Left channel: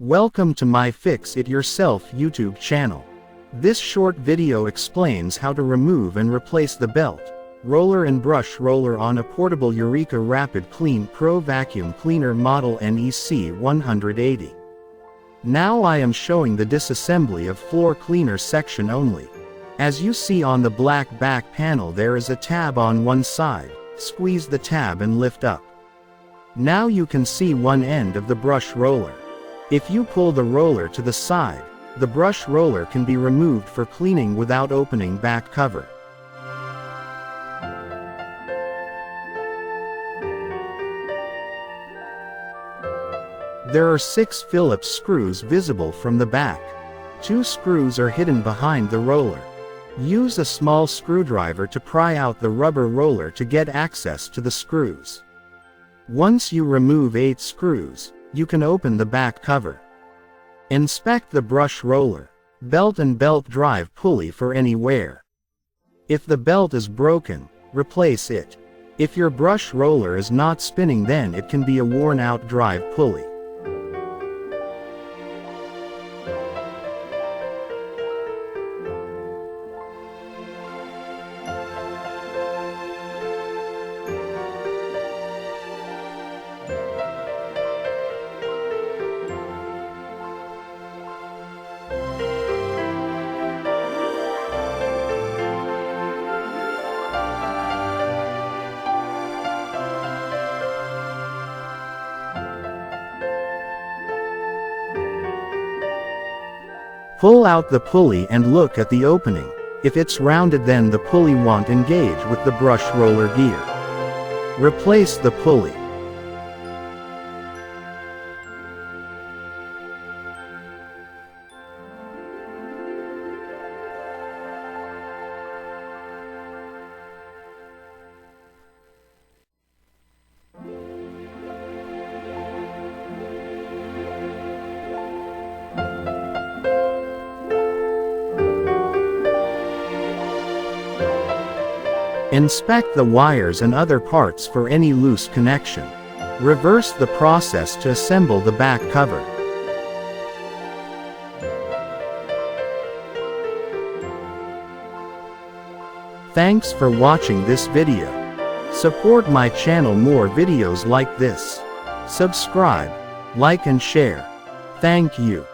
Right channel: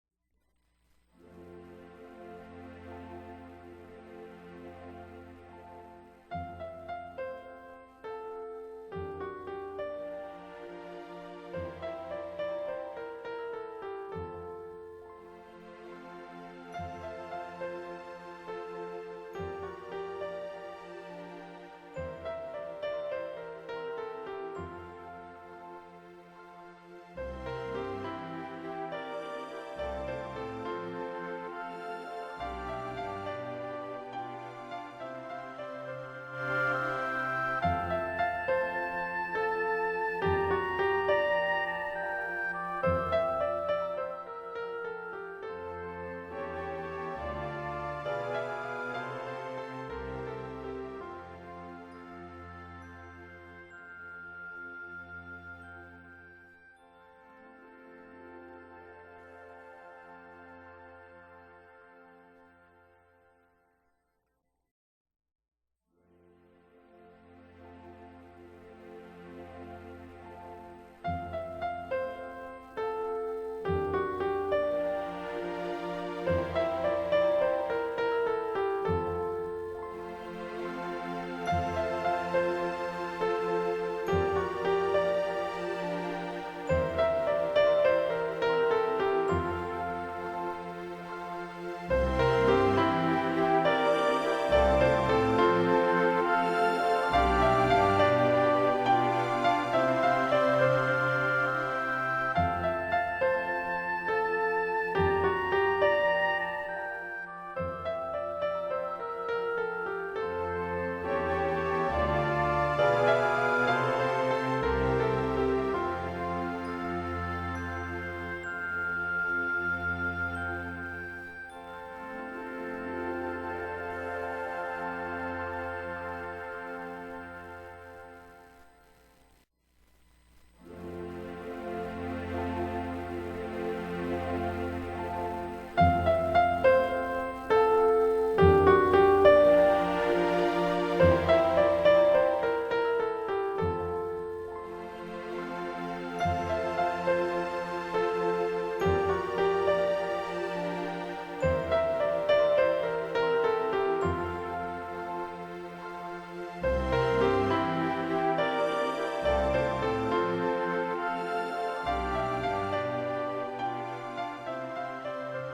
Welcome to my Fix It Yourself YouTube channel. This short video explains how to remove and replace the belt, roller and brush roller on a portable Eureka Rapid Clean Pro Vacuum Cleaner model NEC 180. Now I am showing the disassembly of floor cleaner section only. As you see on the black back panel, there is a tab on one side. Squeeze the tab and lift up. Now you can see one end of the brush roller. If you pull the roller to the side, the brush roller can be removed for cleaning without opening back cover. There are 6 Phillips screws visible from the back. 2 screws are hidden behind the roller. Use a small screwdriver to pry out the rubber roller to get access to the screws. Once you remove 8 screws, you can open the back cover. Inspect the brush roller, belt and belt drive pulley for any wear. If the belt is broken, replace it. If your brush roller is not spinning, then it can be a worn-out drive pulley. Pull out the pulley and look at the opening. If it's rounded, then the pulley won't engage with the brush roller gear. Replace the pulley. Inspect the wires and other parts for any loose connection. Reverse the process to assemble the back cover. Thanks for watching this video. Support my channel, more videos like this. Subscribe, like and share. Thank you.